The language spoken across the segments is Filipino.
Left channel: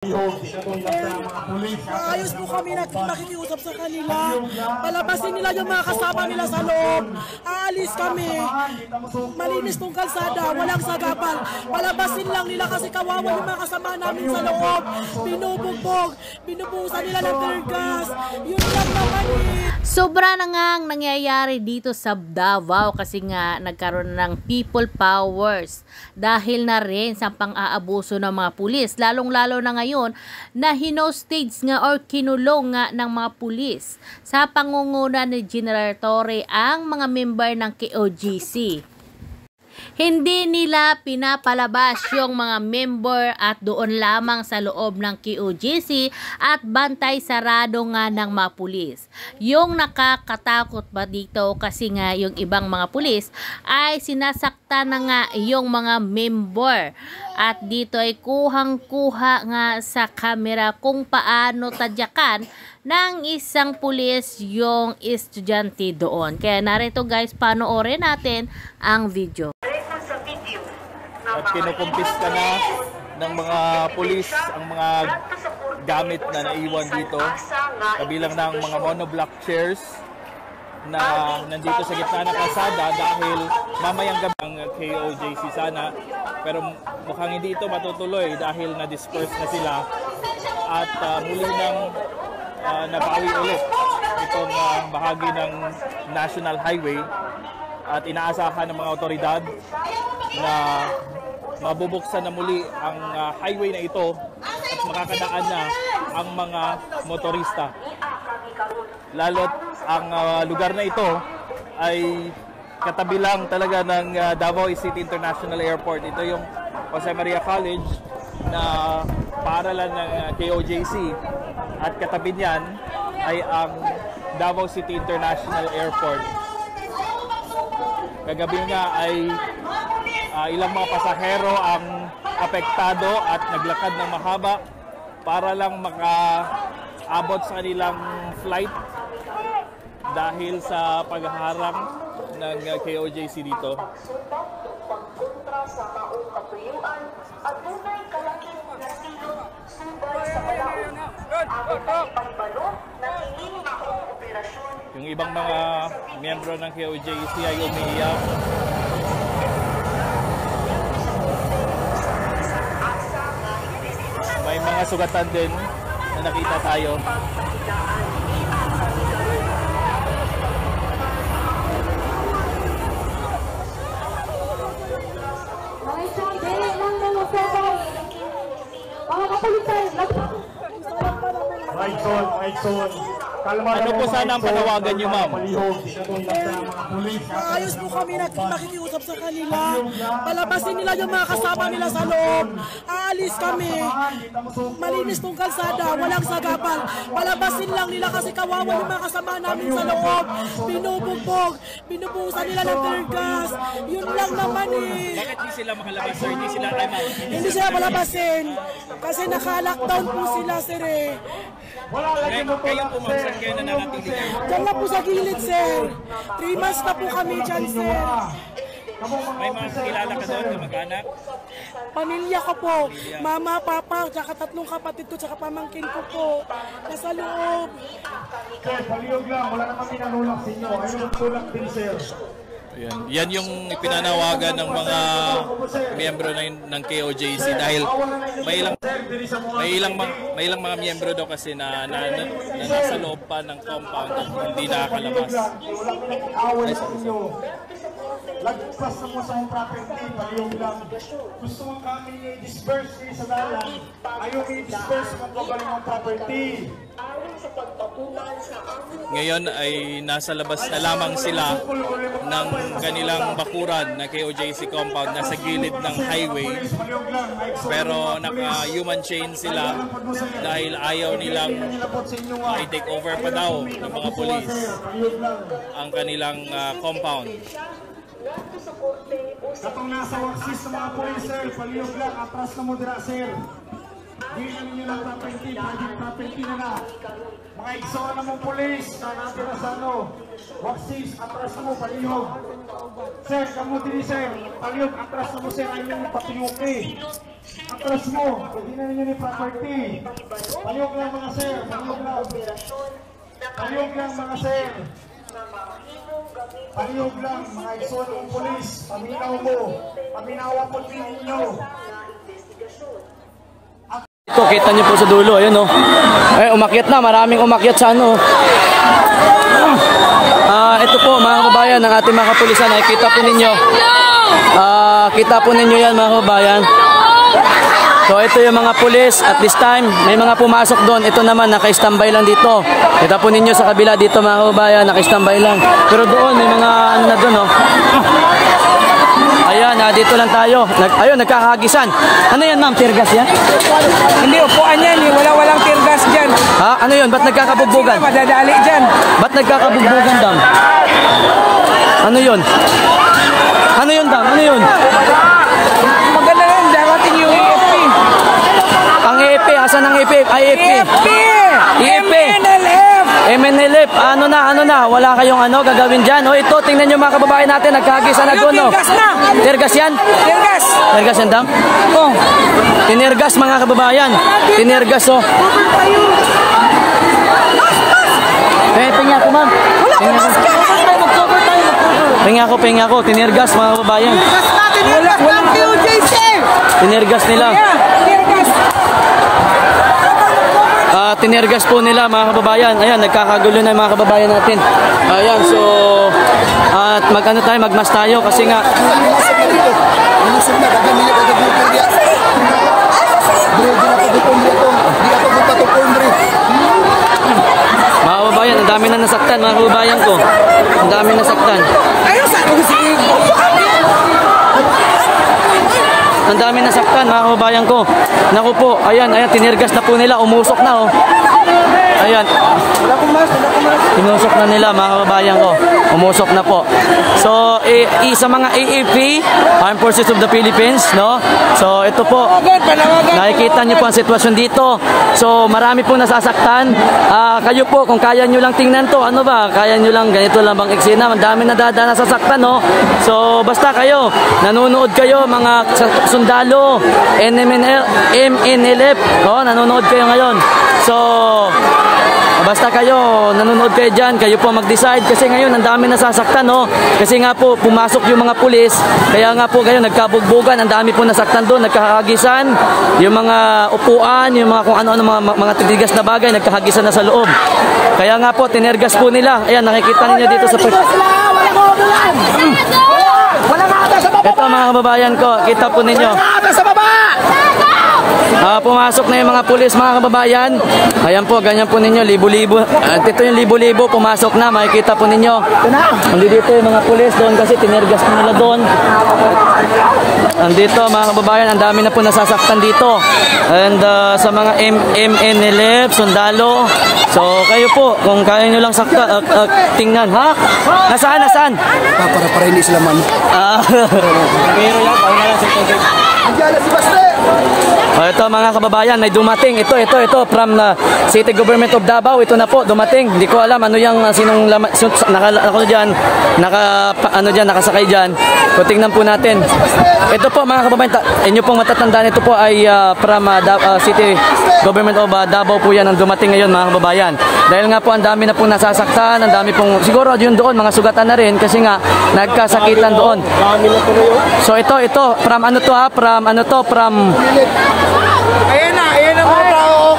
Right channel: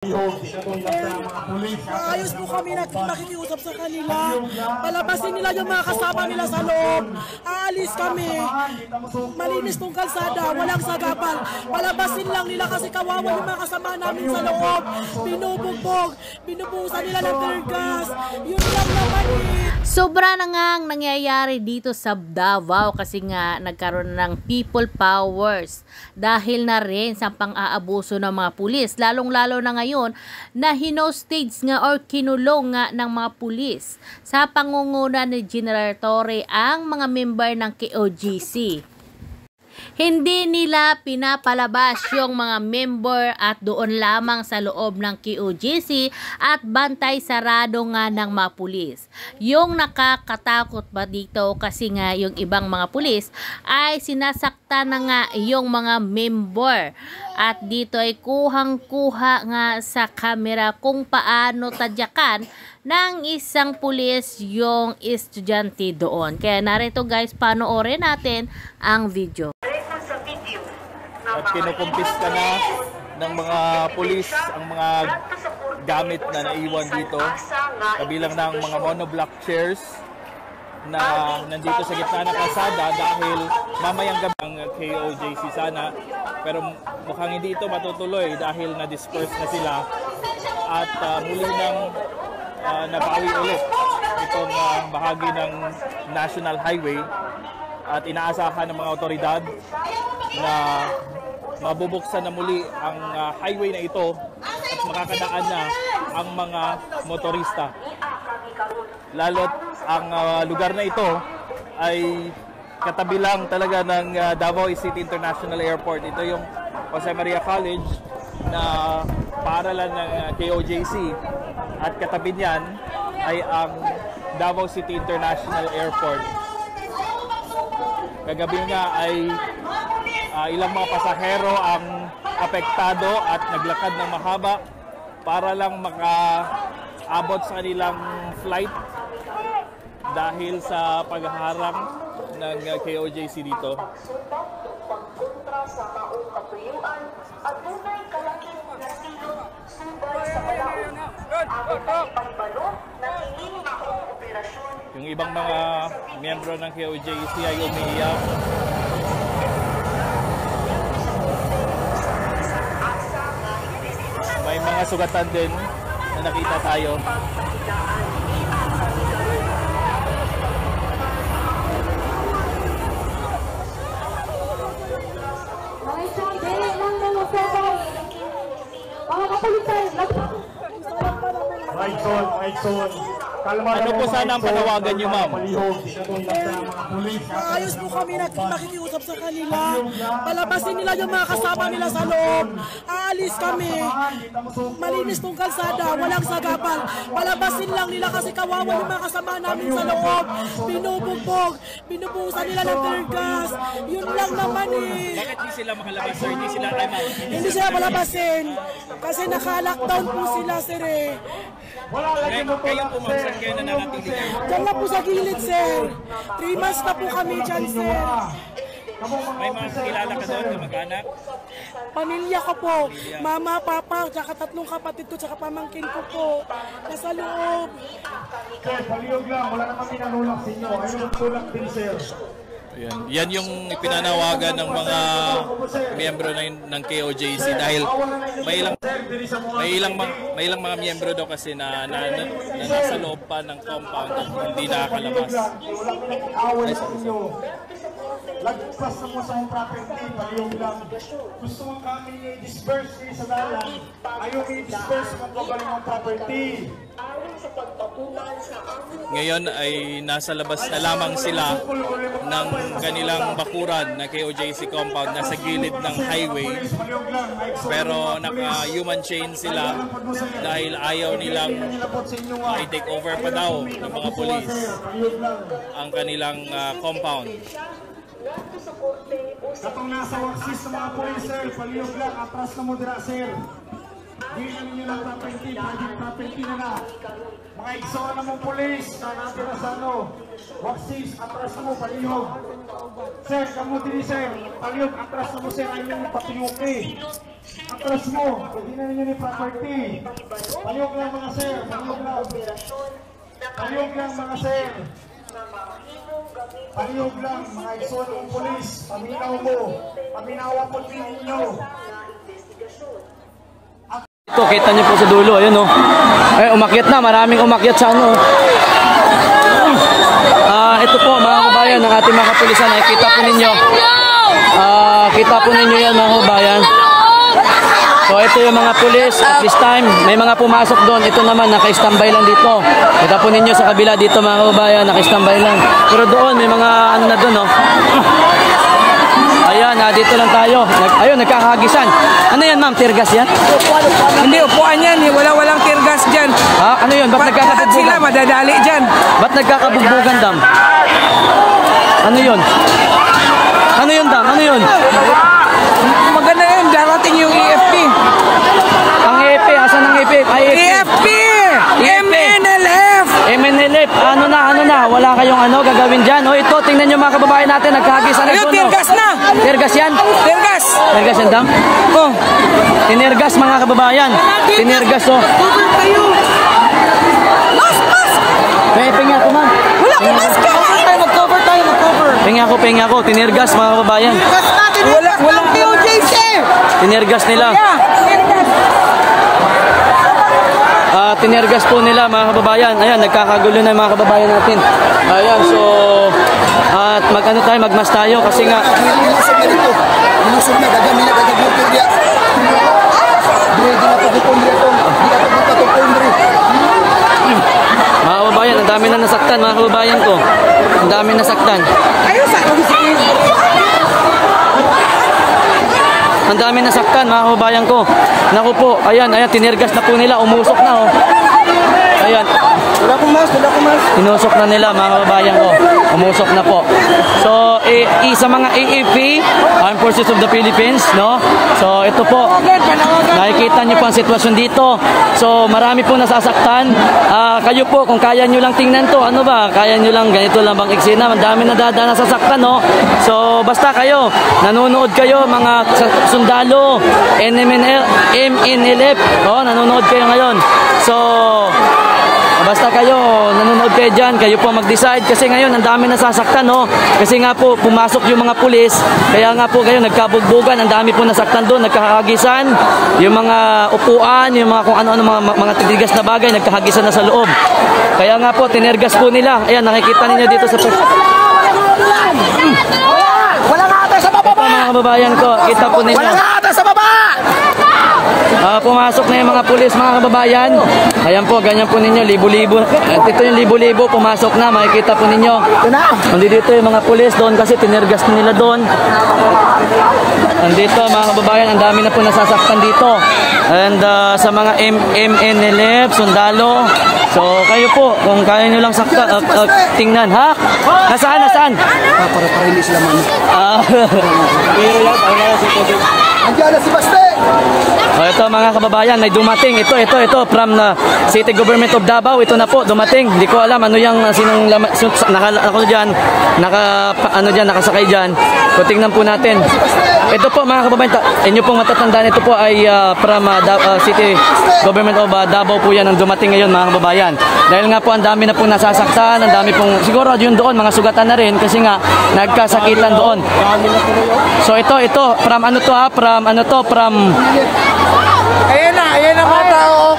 Maayos po kami nakikiusap sa kanila. Palabasin nila yung mga kasama nila sa loob. Aalis kami. Malinis tong kalsada, walang sagapal. Palabasin lang nila kasi kawawa yung mga kasama namin sa loob. Binubugbog, binubuhusan nila ng tear gas. Yun lang naman eh. Sobra na ngang nangyayari dito sa Davao kasi nga nagkaroon ng people powers dahil na rin sa pang-aabuso ng mga pulis, lalong-lalo na ngayon na hinostage nga or kinulong nga ng mga pulis sa pangunguna ni General Torre ang mga member ng KOJC. Hindi nila pinapalabas yung mga member at doon lamang sa loob ng KOJC at bantay sarado nga ng mga pulis. Yung nakakatakot ba dito kasi nga yung ibang mga pulis ay sinasakta na nga yung mga member. At dito ay kuhang-kuha nga sa kamera kung paano tadyakan ng isang pulis yung estudyante doon. Kaya narito guys, panoorin natin ang video. At kinukumpiska na ng mga pulis ang mga gamit na naiwan dito, kabilang ng mga monoblock chairs na nandito sa gitna ng kalsada dahil mamayang gabi ang KOJC sana, pero mukhang hindi ito matutuloy dahil na-disperse na sila at muli nang nabawi ulit itong bahagi ng National Highway at inaasahan ng mga otoridad na mabubuksan na muli ang highway na ito at makakadaan na ang mga motorista. Lalo't ang lugar na ito ay katabi lang talaga ng Davao City International Airport. Ito yung Jose Maria College na paaralan ng KOJC at katabi niyan ay ang Davao City International Airport. Kagabi nga ay ilang mga pasahero ang apektado at naglakad ng mahaba para lang makaabot sa kanilang flight dahil sa paghaharang ng KOJC dito. Yung ibang mga miyembro ng KOJC ay umiiyak. May mga sugatan din na nakita tayo. Ano po sana ang panawagan niyo, ma'am? Maayos po kami nakikiusap sa kanila. Palabasin nila yung mga kasama nila sa loob. Aalis kami. Malinis tong kalsada, walang sagapal. Palabasin lang nila kasi kawawa yung mga kasama namin sa loob. Binubugbog, binubuhusan nila ng tear gas. Yun lang naman eh. Bakit hindi sila makalabas, sir? Hindi sila time out? Hindi sila palabasin. Kasi naka-lockdown po sila, sir eh. Kayo po, ma'am, saan kayo nananatili kayo? Diyan na po sa gilid, sir. 3 months na po kami dyan, sir. May mga kilala ka doon, kamag-anak? Pamilya ko po. Mama, papa, tsaka 3 kapatid ko, tsaka pamangkin ko po. Nasa loob. Sir, palihog lang. Wala naman pinanulak sa inyo. Ayun ang tulak din, sir. Yan yung ipinanawagan ng mga miyembro ng KOJC dahil may ilang mga miyembro daw kasi na nasa loob pa ng compound at hindi nakakalabas. Lagpas na mo sa mong property, palihog lang. Gusto mo kami i-disperse kayo sa dalan. Ayaw i-disperse kung gabaling mong property. Ngayon ay nasa labas na lamang sila ng kanilang bakuran na KOJC compound, nasa gilid ng highway, pero naka-human chain sila dahil ayaw nilang i-take over pa daw ng mga polis ang kanilang compound. Katong nasa waksis ng mga polis, sir, palihog lang, atras na mo dira, sir. Di na ninyo ng property, private property na na. Mga igsoon na mong polis na natira sa waksis, atras na mo, palihog. Sir, kamu diri, sir, palihog, atras na mo, sir, ay nyo patiyuki. Atras mo. Hindi na ninyo ni property. Paliog lang mga sir. Paliog lang. Paliog lang mga sir. Paliog lang mga igsoon ng pulis. Paminaw mo. Paminawa po ninyo. Ito, kita niyo po sa dulo, ayun oh. Ay, umakyat na, maraming umakyat sa ano. Ito po mga kababayan, ang ating mga kapulisan, ay kita po ninyo. Kita po ninyo yan mga kababayan. So ito yung mga pulis, at this time, may mga pumasok doon. Ito naman, naka-standby lang dito. Kita po ninyo sa kabila dito mga kababayan, naka-standby lang. Pero doon, may mga ano na doon oh. Ayan, dito lang tayo. Ayun, nagkakahagisan. Ano yan, ma'am? Tear gas yan? Hindi, upuan yan. Walang tear gas dyan. Ha? Ano yun? Ba't nagkakabugbugan? Sila, madadali dyan. Ba't nagkakabugbugan, dam? Ano yun? Ano yun, dam? Ano yun? Maganda yan. Darating yung AFP. Ang EFP. Asan ang EFP? Ay, EFP. AFP! MNLF! MNLF. Ano na? Wala kayong ano gagawin dyan. O ito, tingnan nyo mga kababayan natin. Nagkahagisan na doon, no? Tear gas na! Tear gas yan? Tear gas! Tear gas yan, dam? Oh. Tinirgas mga kababayan. Tinirgas oh. Penga ako ma'am. Penga ako. Tinirgas mga kababayan. Walang POJC! Tinirgas nila. Tinirgas po nila mga kababayan. Ayan, nagkakagulo na mga kababayan natin. Ayan, so at magmas tayo kasi nga mga kababayan, ang dami na nasaktan mga kababayan ko. Ang dami nasaktan. Ang dami nasaktan mga kababayan ko. Naku po, ayan, tinirgas na po nila, umusok na oh. Ayan. Tinusok na nila mga kababayan ko. Umusok na po. So, sa mga AFP, Armed Forces of the Philippines, no? So, ito po. Nakikita niyo po ang sitwasyon dito. So, marami po nasasaktan. Kayo po, kung kaya niyo lang tingnan to, ano ba? Kaya niyo lang, ganito lang bang eksena? Ang dami nadadaan nasasaktan, no? So, basta kayo, nanonood kayo, mga sundalo, MNLF, no? Nanonood kayo ngayon. So, basta kayo, nanonood kayo dyan, kayo po mag-decide kasi ngayon ang dami nasasaktan, no? Kasi nga po, pumasok yung mga pulis, kaya nga po kayo nagkabugbugan, ang dami po nasaktan doon, nagkahagisan, yung mga upuan, yung mga kung ano-ano, mga tigigas na bagay, nagkahagisan na sa loob. Kaya nga po, tinergas po nila. Ayan, nakikita ninyo dito sa... Ito mga kababayan ko, kita po ninyo. Pumasok na yung mga pulis mga kababayan. Ayan po, ganyan po ninyo, libo-libo. At ito yung libo-libo, pumasok na, makikita po ninyo. Nandito yung mga pulis doon kasi tinirgas nila doon. Nandito mga kababayan, ang dami na po nasasaktan dito. And sa mga MNLF, sundalo. So kayo po, kung kaya nyo lang sakta, tingnan, ha? Nasaan? Para hindi sila man. Pero yan, sa tubig. Andiyan na si Baste! Ito mga kababayan, may dumating. Ito from City Government of Davao. Ito na po, dumating. Hindi ko alam ano yung sinong nakasakay dyan. So tingnan po natin. Ito po mga kababayan, inyo pong matatandaan, ito po ay from City Government of Davao po yan ang dumating ngayon mga kababayan. Dahil nga po ang dami na pong nasasaktan, ang dami pong, siguro yun doon, mga sugatan na rin kasi nga nagkasakitan doon. So ito, from Ayan na mga tao.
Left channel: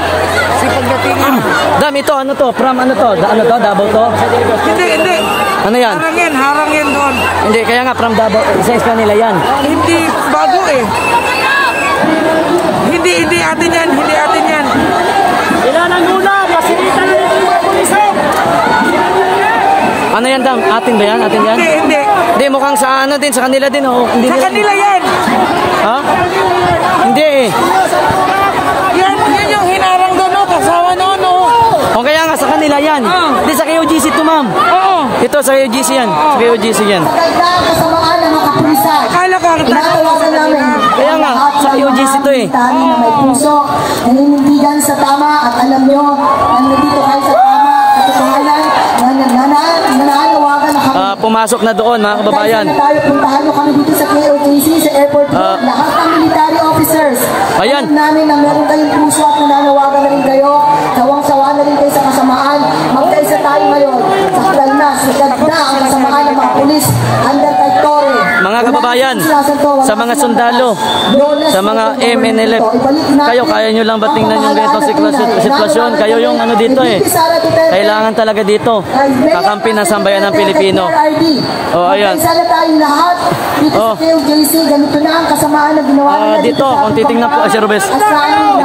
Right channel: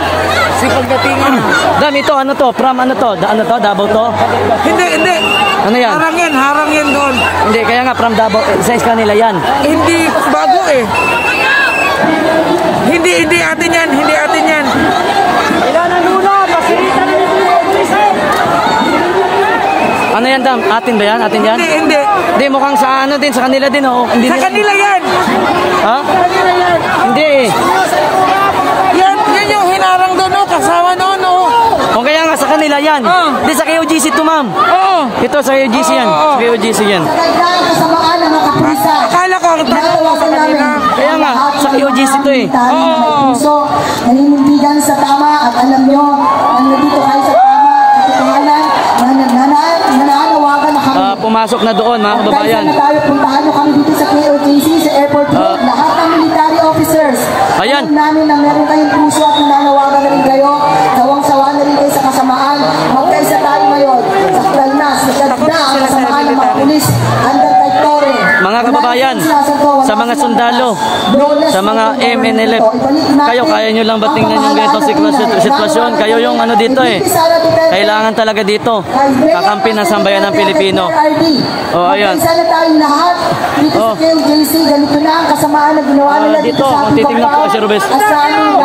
Dam, ito, Davao to? Hindi. Ano yan? Harang yan doon. Hindi, kaya nga from Davao, sa kanila yan. Hindi, bago eh. Hindi atin yan. Ilanan muna, masirita na rin yung pulisan. Ano yan, Dam? Atin ba yan? Hindi. Hindi, mukhang sa din, sa kanila din, oh. Hindi Sa kanila yan. Ha? Hindi eh. Yan yung hinarang doon, kasama noon, O kaya nga, sa kanila yan. Hindi, sa KOGC to, ma'am. Ito, sa KOGC yan. Kasamaan ng mga kapulisan. Tinatawagan namin. Kaya nga, sa KOGC to eh. May puso, naninindigan sa tama at alam nyo, nandito kayo sa tama at katotohanan, nananawagan na kami. Pumasok na doon mga kababayan. Puntahan nyo kami dito sa KOJC, sa airport road, lahat ng military officers officers. Ayan. Alam namin na meron kayong puso at nananawagan na rin kayo. Sawang-sawa na rin kayo sa kasamaan. Magkaisa tayo ngayon. Sakdal na ang kasamaan ng mga pulis. Under kay Torre. Mga kababayan, sa mga sundalo, sa mga MNLF, kayo, kaya nyo lang ba tingnan yung ganitong sitwasyon? Kayo yung ano dito eh. Kailangan talaga dito. Kakampi ng sambayan ng Pilipino. Oh, ayan. Sana tayong lahat dito sa KOJC, ganito na ang kasamaan na ginawa nila dito. Kung titingnan po, Sir Rubes,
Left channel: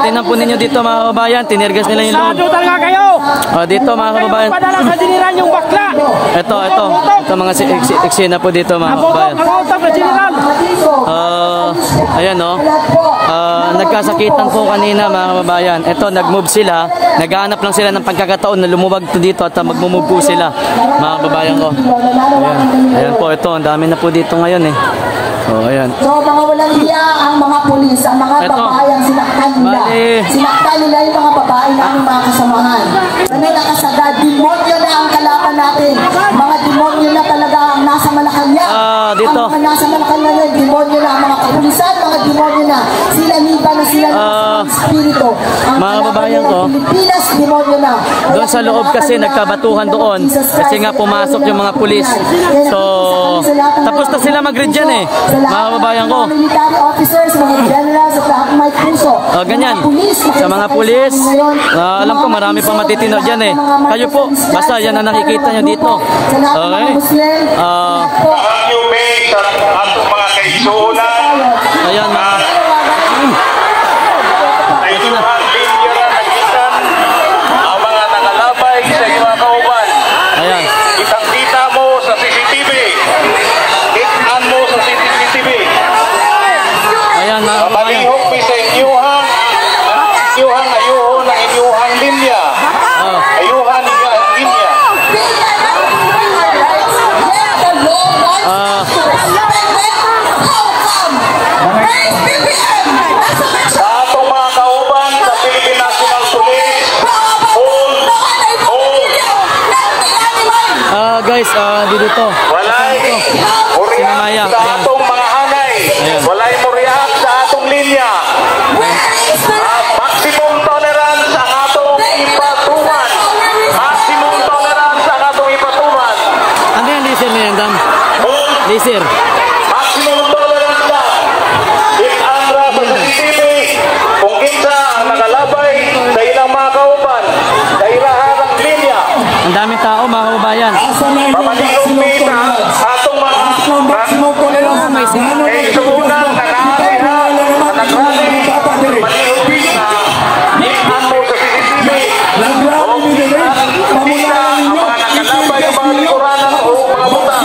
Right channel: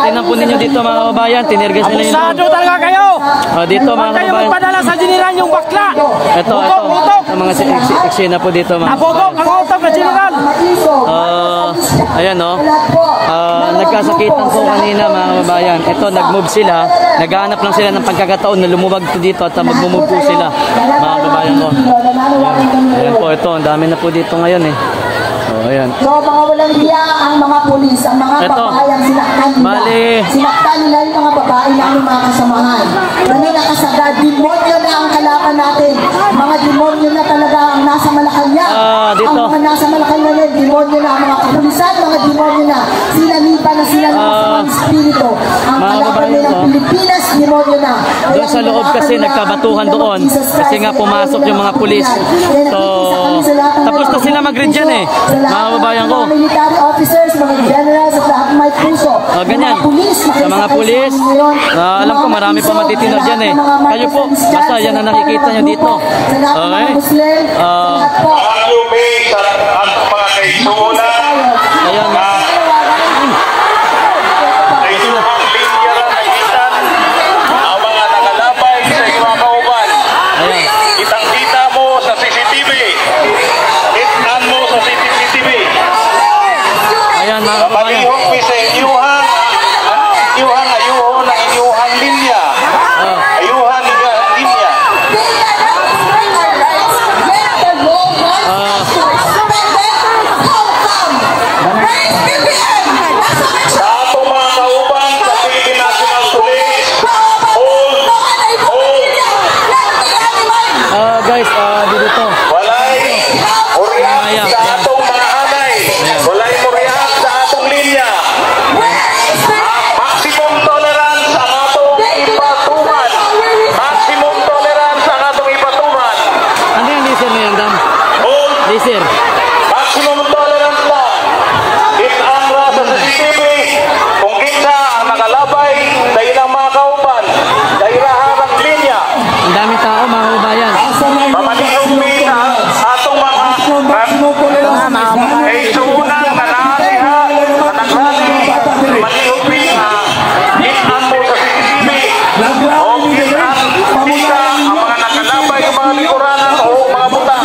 titingnan po ninyo dito mga kababayan, tinergas nila yung loob. Dito mga kababayan. Ito mga eksena po dito mga kababayan. Ayan o. Nagkasakitan po kanina mga kababayan. Ito, nag-move sila. Naghahanap lang sila ng pagkakataon na lumuwag dito at mag-move po sila mga kababayan ko. Ayan po, ito. Ang dami na po dito ngayon eh. Ayan. So, mga walang hiya ang mga pulis, ang mga babae ang sinaktan nila. Sinaktan nila yung mga babae na ang mga kasamahan. Ganun nakasagad, demonyo na ang kalaban natin. Mga demonyo na talaga ang nasa Malacanang. Dito. Ang mga nasa Malacanang, demonyo na ang mga kapulisan, mga demonyo na. Sinaniba na sila ng masamang espiritu. Ang kalaban nila ng Pilipinas, demonyo na. Doon sa loob kasi nagkabatuhan doon. Kasi nga pumasok yung mga pulis. So, tapos na sila mag-read dyan eh. Mga kababayan ko. Mga military officers, mga generals at lahat may puso. Ganyan. Sa mga pulis, alam ko marami pa matitinag dyan eh. Kayo po, basta yan ang nakikita nyo dito. Sa lahat ng mga Muslim, lahat po. Ayan na. ang mga nakalabay sa iyong mga kauban. Ayan. Kitang-kita mo sa CCTV. Kitaan mo sa CCTV. Ayan mga kababayan. Kamalihok mi sa inyuhang ayuhon ng inyuhang linya. Ayuhan inyuhang linya. Sa atong mga kauban sa Philippine National Police, hold. Guys, dito. Walay murihan sa atong mga anay. Walay murihan sa atong linya. Maximum tolerance ang atong ipatuman. Maximum tolerance ang atong ipatuman. Ano yung laser na yan, Dan? Laser. Maximum tolerance na. Itanra sa CCTV kung kinsa ang nakalabay sa ilang mga kauban sa irahan ng linya. Ang daming tao mga kababayan. Pamalihog mi na atong mga suunang na naariha na nagrali. Pamalihog mi na itan mo sa CCTV o itan kita ang mga nakalabay yung mga likuranan o mga buta.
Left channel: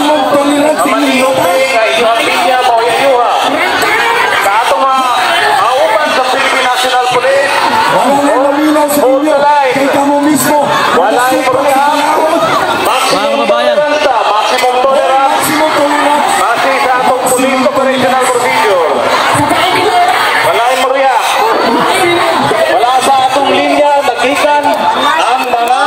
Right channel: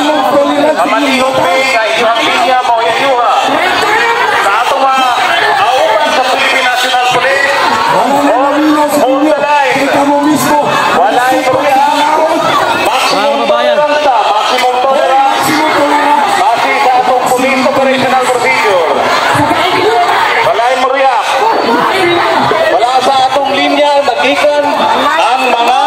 Pamalihog mi na inyong linya mo inyuha. Sa atong mga auban sa Philippine National Police, hold the line. Wala yung pagkakam. Maximum tolerance. Base sa atong police operational procedure. Wala yung muriya. Wala sa atong linya magikan ang mga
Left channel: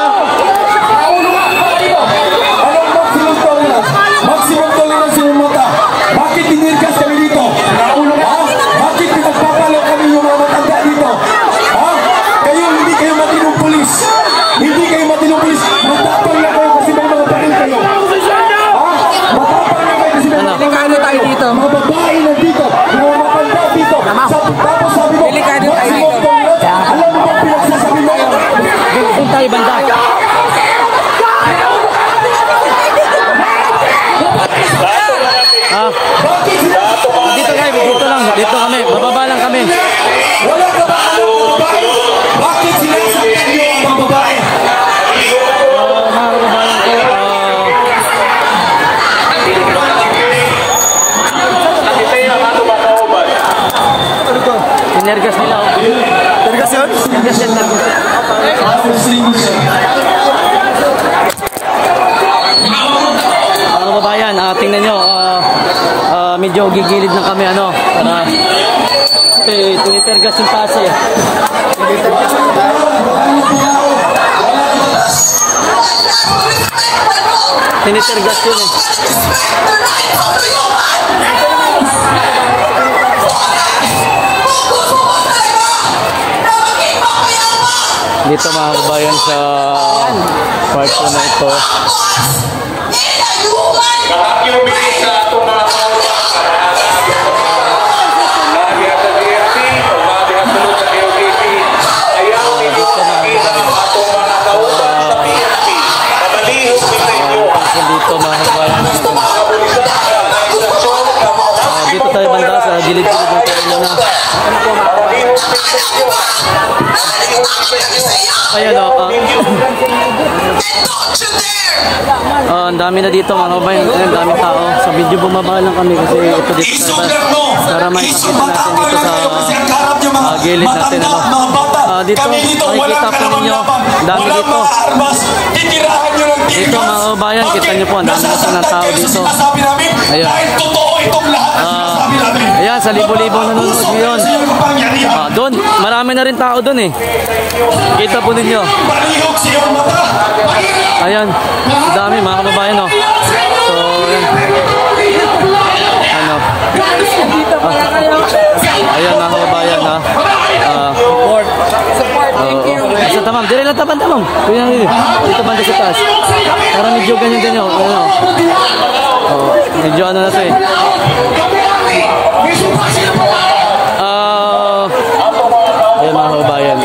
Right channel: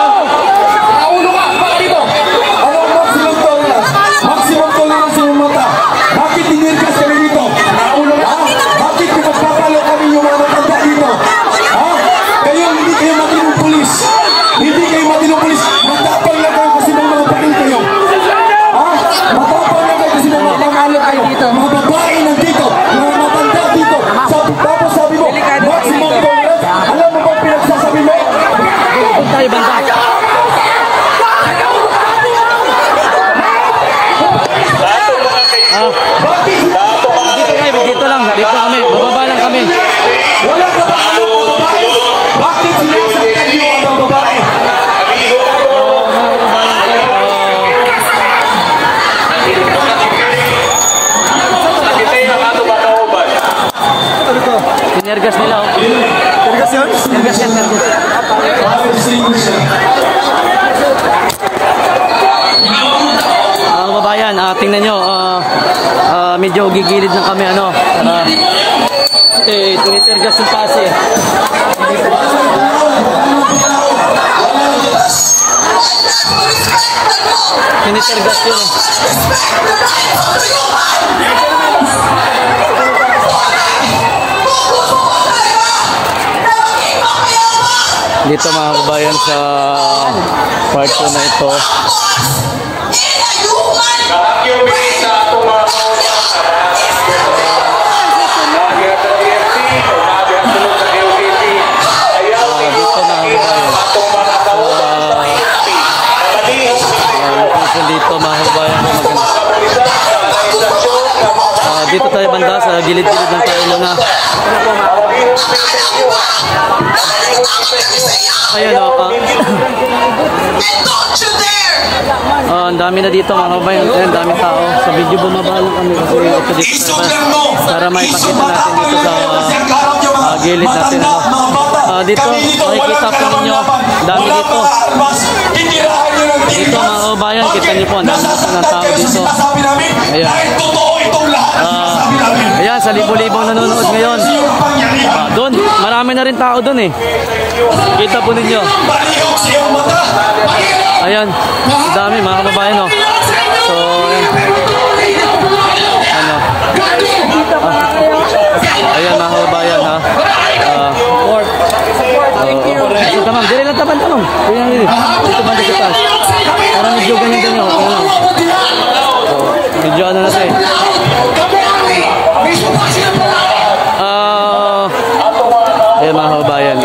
Maximum tolerance yung mata. Bakit tinirkas kami dito? Bakit pinagpapalo kami yung mga matanda dito? Kayo, hindi kayo matinong pulis. Hindi kayo matinong pulis. Matapang na kayo kasi may mga pain kayo. Matapang na kayo kasi may mga pain. Ano tayo dito? Mga babae na dito. Mga matanda dito. Tapos sabi mo, maximum tolerance. Alam mo bang pinagsasabi mo? Doon tayo banda. Dito kayo, dito lang. Dito kami. Bababa lang kami. Wala ka ba ang babae? Bakit sinasaktan niyo ang mga babae? Mga kababayan ko, tinergas nila. Tinergas yan lang. Mga kababayan, tingnan nyo, medyo gigilid na kami, para tinitergas yung taas eh. Tinitergas yun eh. dito mga kabayan sa part 2 na ito. Dito mga kabayan ko maganda. Dito tayo banda sa gilid-gilid lang tayo muna. Ayan o. Ang dami na dito mga kabayan. Ayan, daming tao. Sa video bumaba lang kami kasi ito dito tayo para maipakita natin dito sa gilid natin. Dito makikita po ninyo. Dami dito. Dito mga kabayan, kita nyo po, ang dami na po ng tao dito. Ayan. Ayan, sa libo-libong nanonood ngayon. Doon, marami na rin tao doon eh. Kita po ninyo. Ayan, dami mga kababayan oh. So, ayan. Ano? Ayan mga kababayan ha. Sa tamang, dili lang tamang. Dito banda sa taas. Parang medyo ganyan din o. Medyo ano na ito eh. Ayan mga kababayan.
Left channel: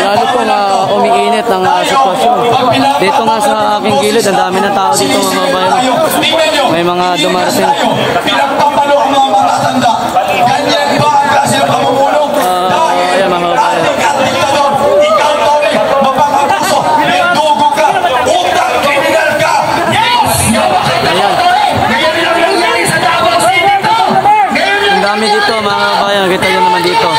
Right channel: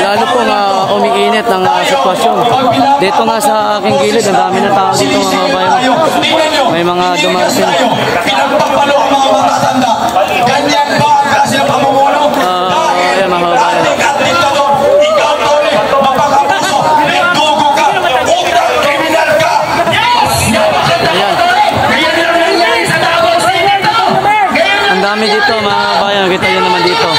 Lalo pong umiinit ang sitwasyon. Dito nga sa aking gilid, ang dami ng tao dito mga kababayan. May mga dumarating. Ayan mga kababayan. Ayan. Ang dami dito mga kababayan. Kita nyo naman dito.